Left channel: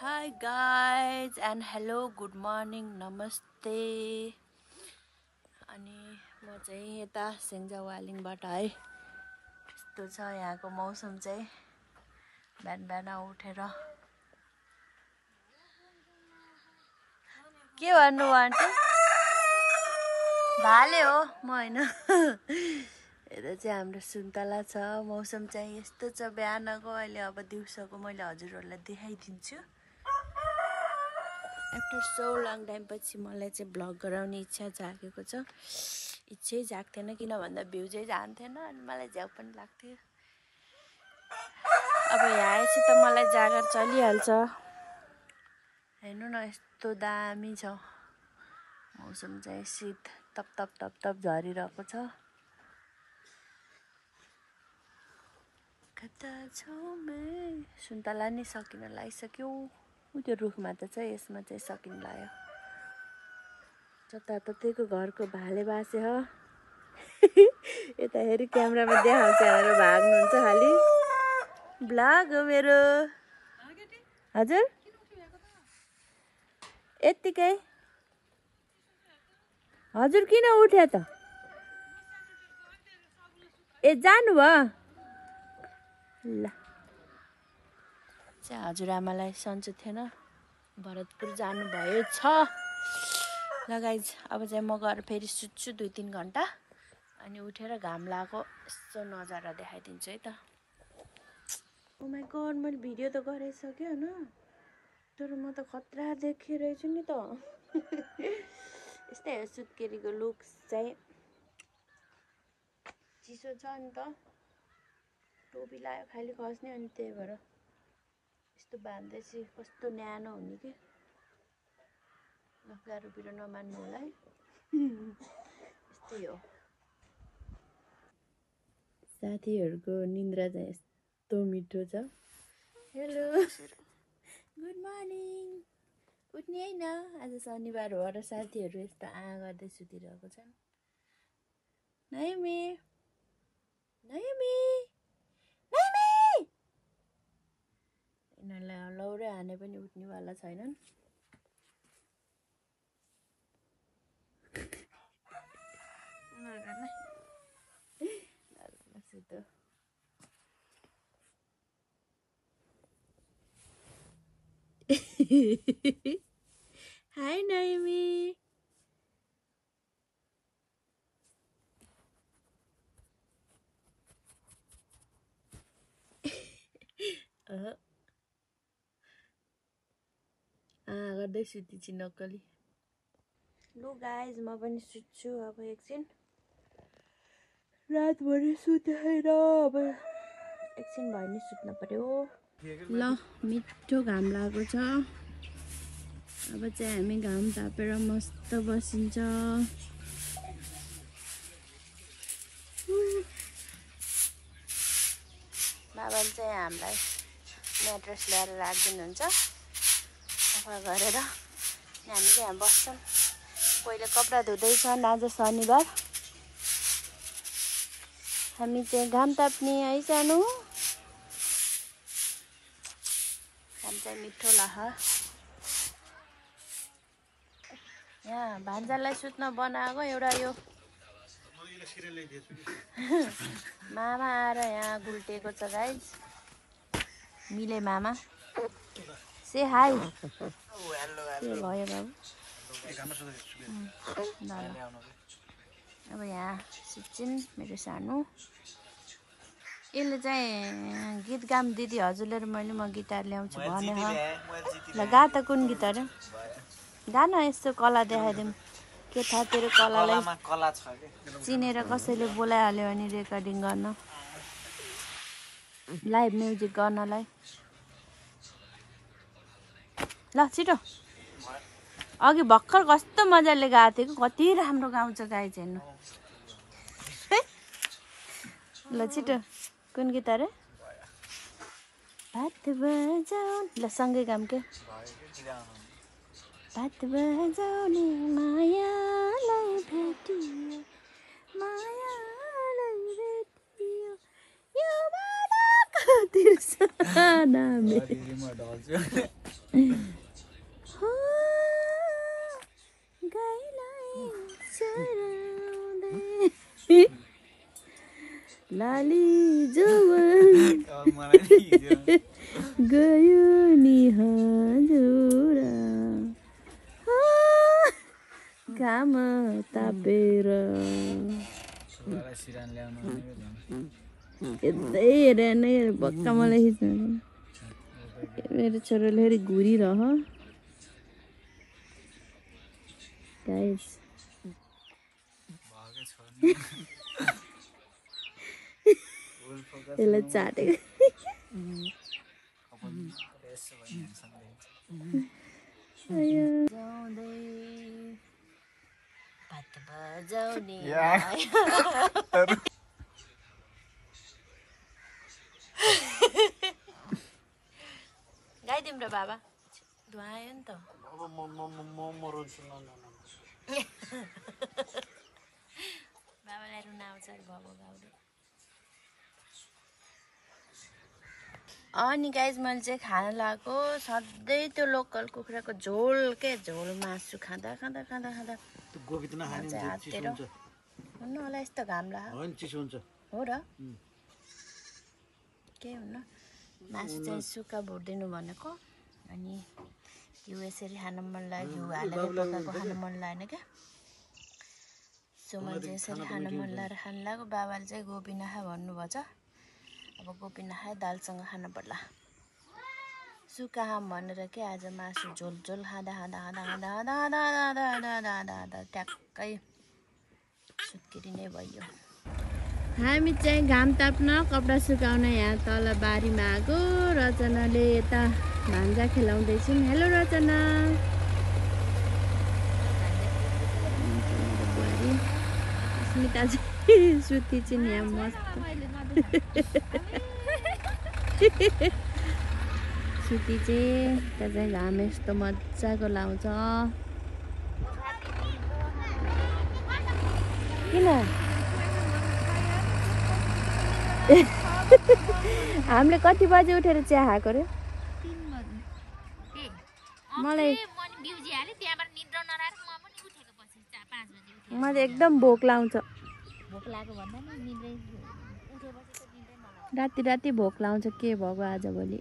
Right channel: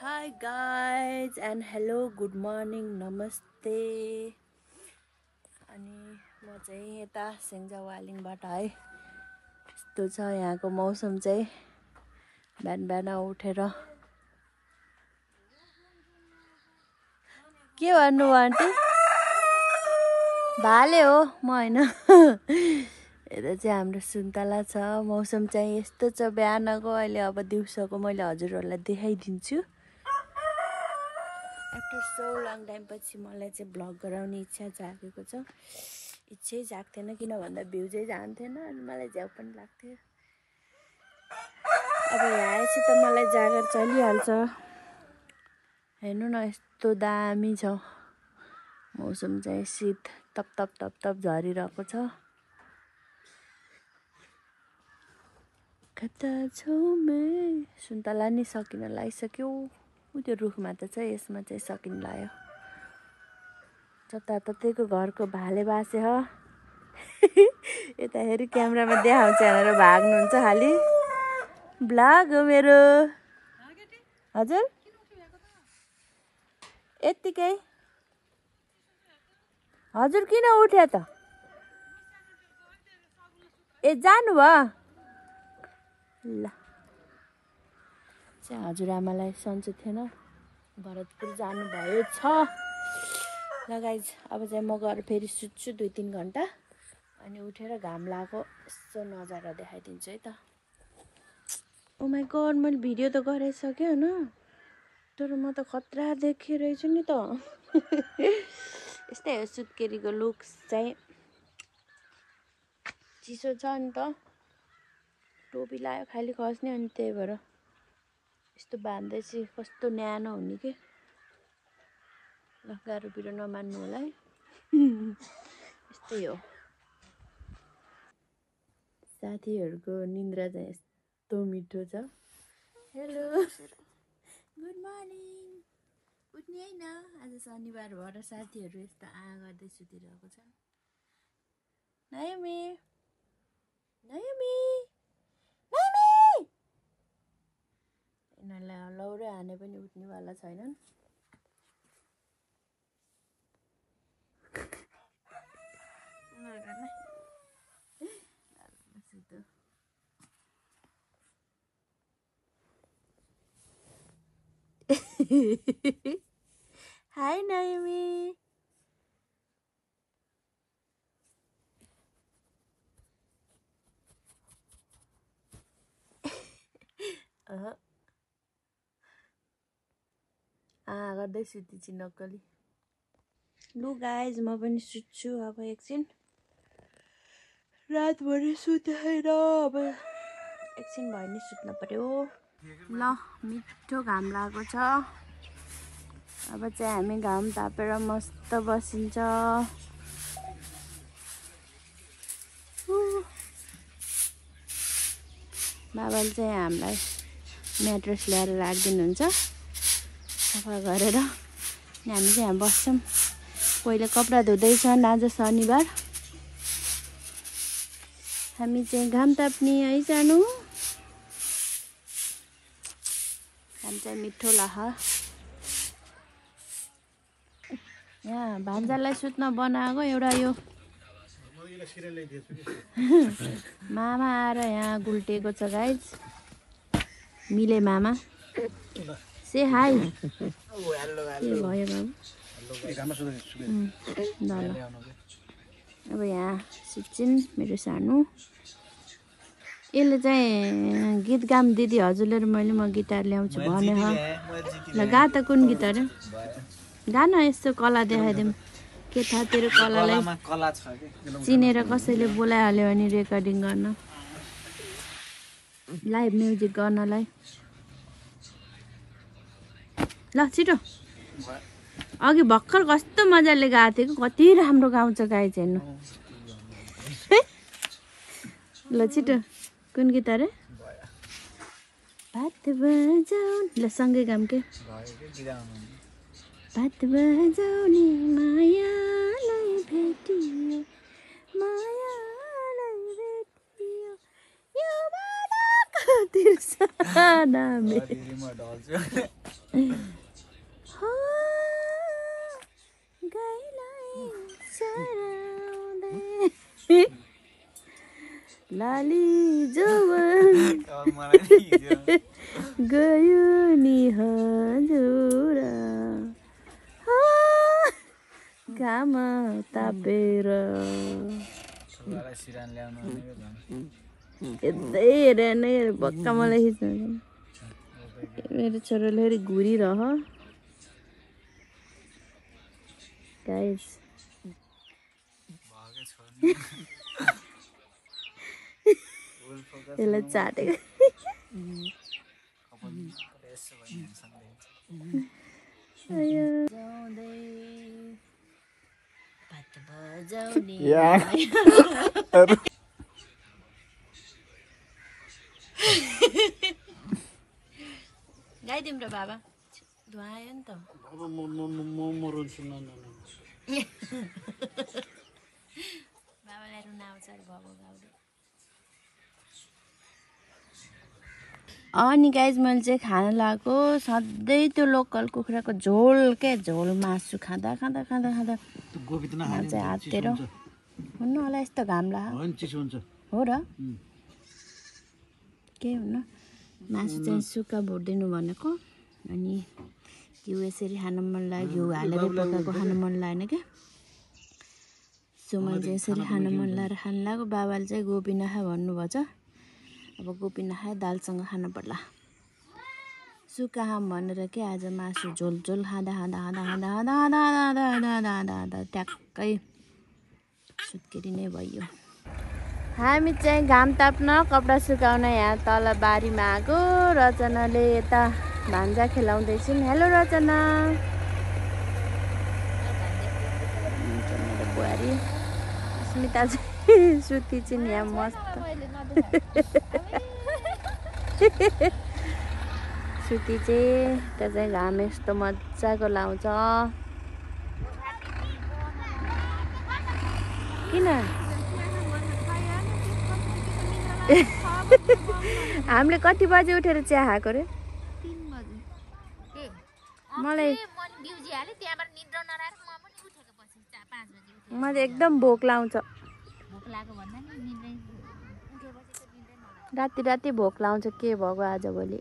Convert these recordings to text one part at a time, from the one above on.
Hi guys and hello, good morning, namaste. अनि म चाहिँ यता सेन्जावालिङबाट है। यस्तो छ यहाँको मौसम चाहिँ। बिहान बिहान उठेर के भन्नु आन्टी? भाले हो म हैन। यता चाहिँ हाम्रो सुन्तला छ। मौसम चाहिँ यस्तो छ बिहानको। अहिले अब दिउँसोको मैले हजुरहरुलाई देखाइदिन्छु। आफ्टर सो लङ टाइम पछि मलाई चाहिँ भ्लग गराउने इच्छा जागेको छ। इच्छै जाग्थेन किन भन्दा भ्युजै जान्थेन अनि मलाई झ्याउ पनि लाग्थ्यो। अब यहाँ आएपछि त मलाई जागर चलिहाल्छ। हेर्नु न यस्तो दामी छ। मौसम चाहिँ शीत तप तप तप तप झरिरहेको छ। कता छौ मैं सुन्तला नि सकिन लागिसक्यो। त्यो रुखमा त छ यसमा चाहिँ सकिन लाग्यो। जताततैको घरको भाले बासे ह। यता हेरि क्यामेरामा देखाउँछ भनेर भाग्नुहुन्छ खाली। ब्लग हो मेरो। हजुर यतिकै हजुर किन उठ्या त? ए जानु भयो ल। हजुरआमालाई सन्चो थिएन, भरतपुर जानुभएको छ। ल गाइज अब चाहिँ म गएर फेरि सुत्छु 2-3 घन्टा अनि उठेर घाम लागेको यसो नजारा देखाइदिन्छु है त। ओ माय गॉड मैले भिडियो त गराइसकेँ हैन, तर म त खतरा देखिरहेछु नि त। यस्तै हो सुत्केरीको लुक्स चाहिँ। चिसो छ नि त, टोपी लायो खाली खस्ने अनि त्यही भएर यस्तो बाँध्दैछु। कस्तो न्यानो हुने के। ल गाह्रो पिरो नमान्नु होला है। यस्तै हो। साथीहरूको निन्द्रा चाहिँ यस्तो मिठो छ। Hello good morning. उठ्ने हैन, आज शनिबार हो र साथीहरू यस्तो गर्दै सुतिरहेको छन्। नायमी नायमी नायमी यिनीहरूलाई लौरे हाने पनि उठ्नेवाला छैनन्। Hi Naomi. गर्दै सुतिछि नक्कली। लु गाइज म पनि सुत्छु अब एकछिन। रातभरि सुतेर अब एकछिन भयो नि सुत्न पर्यो। ल मिठो घाम लागेको छ। अब चाहिँ हामी घाम तापेर मस्त बसिन्छ। बाबाले चाहिँ हामीलाई म्याट्रेस ल्याएर राखिदिनुहुन्छ सफा गरेर। हामी चाहिँ यहाँ बस्छौँ। पहिले कपडा धुँदैछन्, आज शनिबार। हामी चाहिँ घाम ताप्ने आइजानु। घाम चाहिँ मिठो लाग्छ। यहाँ भान्जालाई सुत्न बनाएको एउटा यो मामा आएर यहाँ गुल्टेको छ गाइज। मिले मामा से हाई। के भयो बाबु? ल ल अब यहाँ सुत्छिन् मेरो सानो। यसले चाहिँ गीत गाम दिदी हजुरले र मैले म गिटार ल्याउँछु भने ह। ल गा त कुन गीत अरे? गान यस्तो कला देखाइदिउँ। के थाहा तेरो कलालाई चिनेर कसैले बोलाइहाल्यो भने रेकर्डिङ गर्न, लाइभ म्युजिक गर्नलाई। ल छिटो। अघि भर्खर कस्तो मजाले गाएको थियो कि, कति राम्रो गाउँछ गाइज हेर्नु। ल छिटो कुन गीत अरे? भात बजाऊ। ल सँगै गाऊँ के? भात बजाउने मायालाई भेटियो, मायालाई भेटियो यो बाटोको तिर्सना। लाली जवन गयो नि हजुर घाम तापेर यतै हेरेर नै भक्का मलाई खिच्नु मेरो छोराले फेरि घुरिरह गाइस यसलाई चाटेको गाई तिम्रो बाबा धुवायो नि त बाबालाई रुन आउँछ घाउ गाउले अनि गाइज मैले चाहिँ खाना लगाएको सधैँ त्यो लोकल कुखुराको झोल क्या झोल मासु खाँदा खाँदा खाँदा खाँदा चाहिँ हातेर हुन्न होला यस्तो घाम लाग्यो हो र के हुन्न मासु चाहिँ सुक्खा भुटिदिनु भनेको अनि त्यो यसरी खानु मन लाग्यो घिउ हालेर पकाएको खानु मन लागेन क्या सुमन चाहिँ यसरी खानु मन लागेर खानु लाग्यो बाबाले चाहिँ गोपी नखा भन्नुभएको छ अब गोपी नखाए दालसँग खानु पर्ला सुक्खा खाम भनेर के आज मासु झोल झोल खाँदा खाँदा खाँदा खाँदा खाँदा खाँदा खाँदा खाँदा खाँदा खाँदा ट्याक्कै सुत्केरी नै भयो हामी चाहिँ घाम ताप्न कपडा सुकाउन यहाँ तल बारीमा आएको रचनाले यता भान्जा खेलाउँदैछन् हेलो रचना बुहारी स्मिता चाहिँ सुती चाहिँ यहाँ मस्त सुती चाहिँ त्यहाँ चाहिँ घाम यस्तो मजाको लाउँछ किन हामीले कति बजे उठेर चिया खाएको अरे 3 बजे मलाई मैले एकदम भोक लाउँछ राति राति भोक लाउँछ के भएको आजभोलि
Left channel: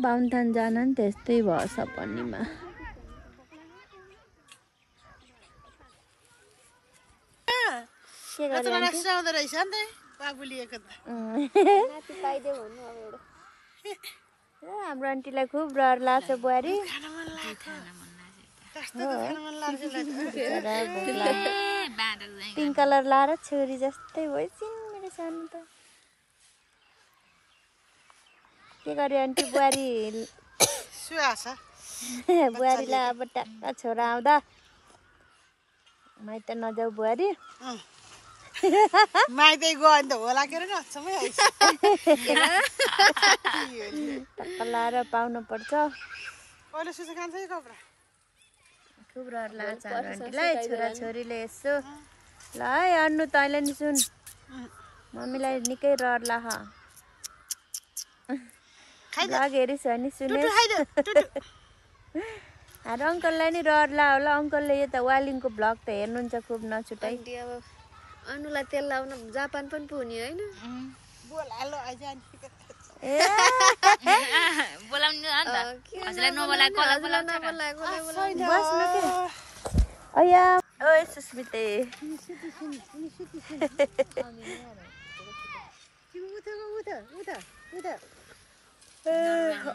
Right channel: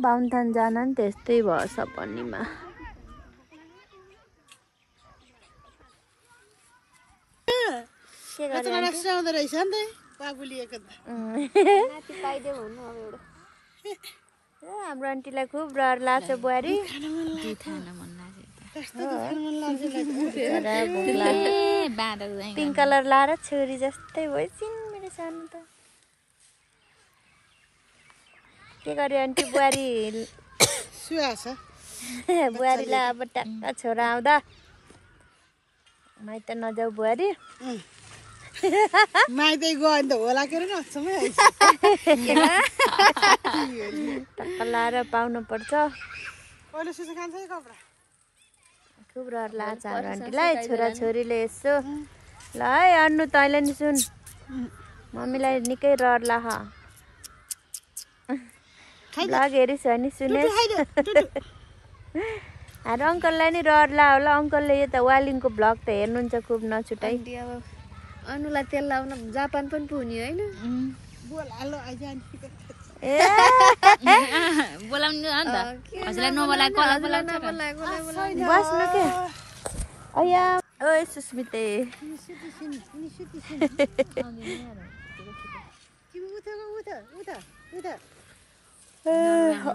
बाहुनथान जान नि त्यस्तै भएछ पन्नीमा रचना आउँदो रहेछ नि त बाबुलिएको त हाम्रो आन्टीलाई खुब डर लाग्छ बुहारी पिङ्क कलर लाएर छोरी जस्तै भइसिन् मेरो सानो त के गर्यो आन्टी बुहारी सुहाछ बुहारीलाई अब ट्याक्क छोरा आउँदा माइत नजाऊ बुहारी माइतै गयो भने त होला के अरे नसम्मै लाएर पाउनु पर्छ अहिले सुसु खान्छ है कपडा खुब डर लाग्छ आन्टीलाई छोराछोरीले यसो ल है अन्नु तैँले नि सुन मम्मीलाई निकै डर लाग हेरिस नि सुने अरे अङ्कललाई नि डर ला होला अङ्कलले यो त वालिङको भ्लग त हेर्नुहुन्छ खुब नछुटाइ अनुलाई तेल लाउन जापान पनि पुग्ने होइन बोलाउनु हो नि त हजुरलाई नबोलाएको कसलाई बोलाउँछ बस्नु के ओया ओए सुस्मिते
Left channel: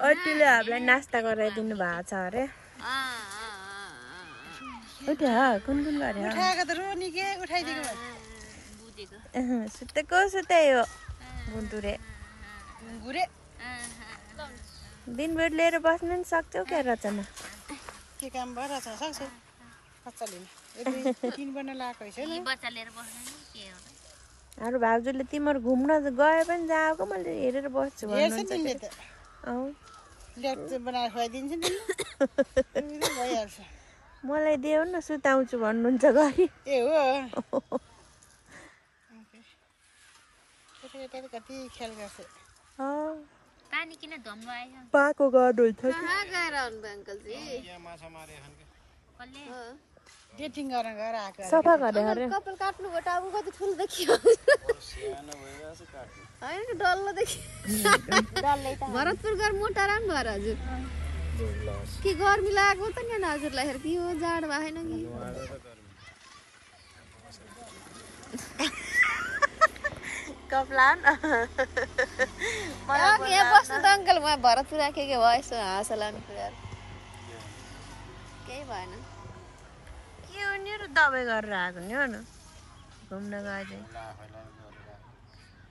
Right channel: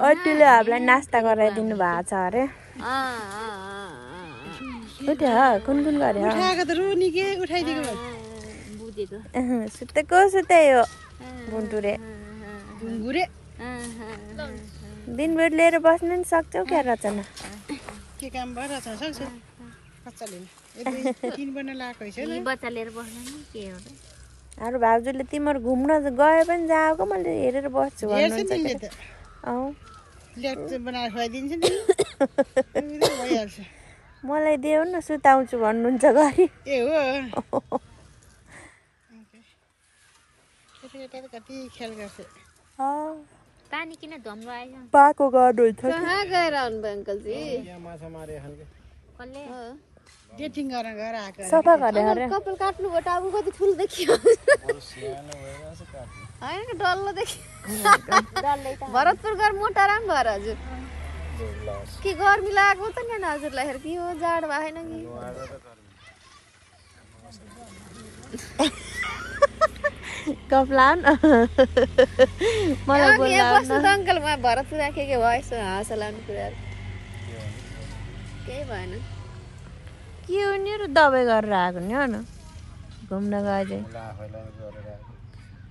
अटीले हामीलाई नास्ता गराइदिनु भएको छ अरे कुन कुन गऱ्यो उठाएको त रुनी के उठाइदिएको बुझेको सुतेको सुते हो गुन्टुरे ढुङ्गुरे दिनभर लिएर बस्नु नि सक्छौ क्या रचना के काम भइरहेछ सक्छ बच्चाले 3 बन्न लगाएको छैन बच्चा लिएर बस्नु नि के हो र हाम्रो भाउजूले तिम्रो घुम्न गए पनि जाएको मैले हेरेर बस्छु हेर्छ नि ले त लेट बनाएर खुवाइदिन्छ नि भइहाल्छ मलाई देऊ न सुताउँछु भन्नुहुन्छ घरि ए हो केटाकेटाले कति ख्याल गर्छ पानी किन धम्लो आयो पाको गर्नुहुन्छ कहाँ गएर आउनुभयो अङ्कलजी कसले गेटिङ गरेर घर आएको अङ्कल कपाल काट्नुभयो टाउको कति ठुलो देखियो होइन डल्लो देखियो भरतपुर गएर मोटा राम भएर हजुर के गर्मी लागेको त नि हजुरलाई हेर के हो जाड भएन कि कपलान मलाई बोल्ला अङ्कल म भरतपुर राखेको भयो यसो हाँस लाउने कुराहरू केही भएन के हो नि र दबाई गरेर आएको नि होइन घुम्न गए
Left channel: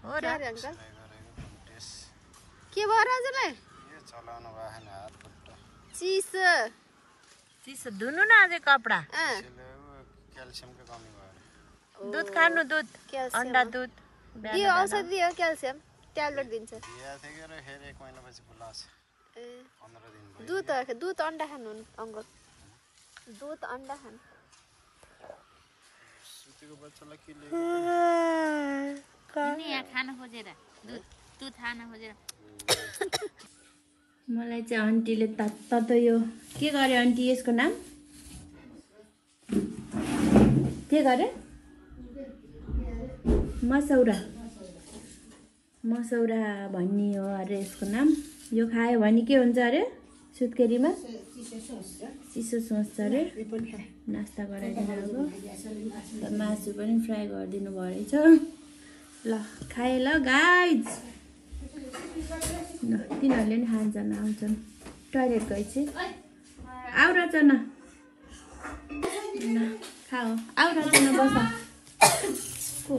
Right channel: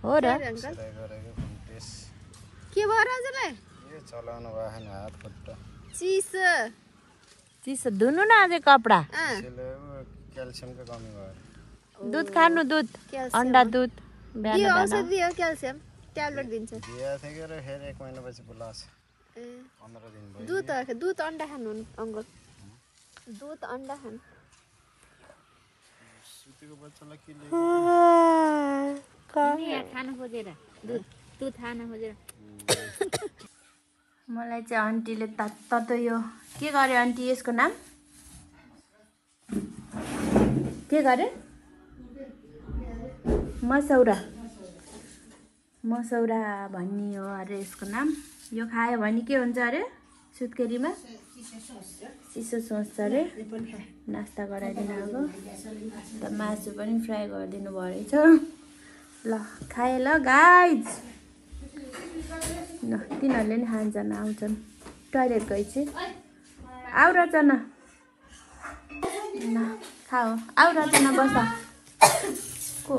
हो र के भयो हजुरलाई चिसो चिसो धुनु न अझै कपडा दुध खानु दुध अन्डा दुध दियो औषधि दियो क्याल्सियम ट्याब्लेट दिन्छ दुध अन्डा खानु अङ्कल दुध अन्डा खानु यहाँ खान खोजेर दुध दुध खान खोजेर मलाई चाहिँ आन्टीले त यो के गर्यो आन्टी यसको नाम के गर्यो मसौरा मसौरा भन्ने हो अरे यसको नाम यो खायो भने के हुन्छ अरे सुत्केरीमा चिसो सोच्छ अरे नास्ता गराइदिनु अब मासु पनि फ्राई गरिदिनु भएछ ल खाए ल गाइज तिनीहरूले नि खान्छन् आउँछन् टोइलेट गएपछि आउ रचन ल खाऊ आउ रचन बस को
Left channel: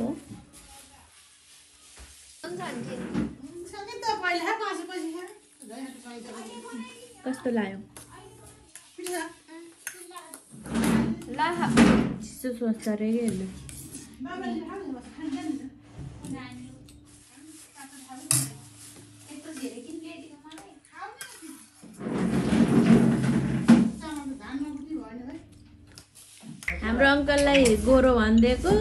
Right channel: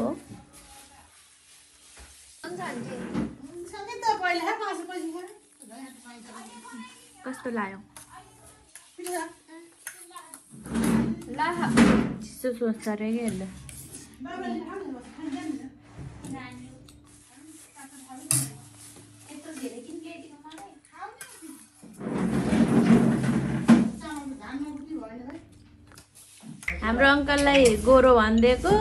कस्तो लाग्यो चिसो सोच्छ अरे कि यसले हाम्रो अङ्कललाई गोरो भनिदिएको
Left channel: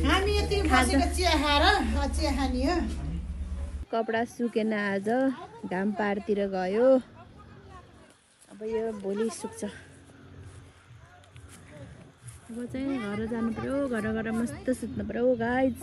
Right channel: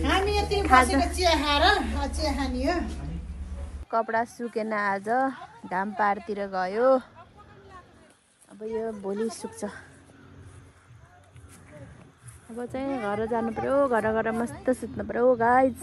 हामी यति बसेको चिया खाएर चिया खाने हो कपडा सुकेन आज घाम पारतिर गयो अब यो भोलि सुक्छ अब चाहिँ घर जानु पर्यो घर गएर मस्त सुत्नु पर्यो गाइज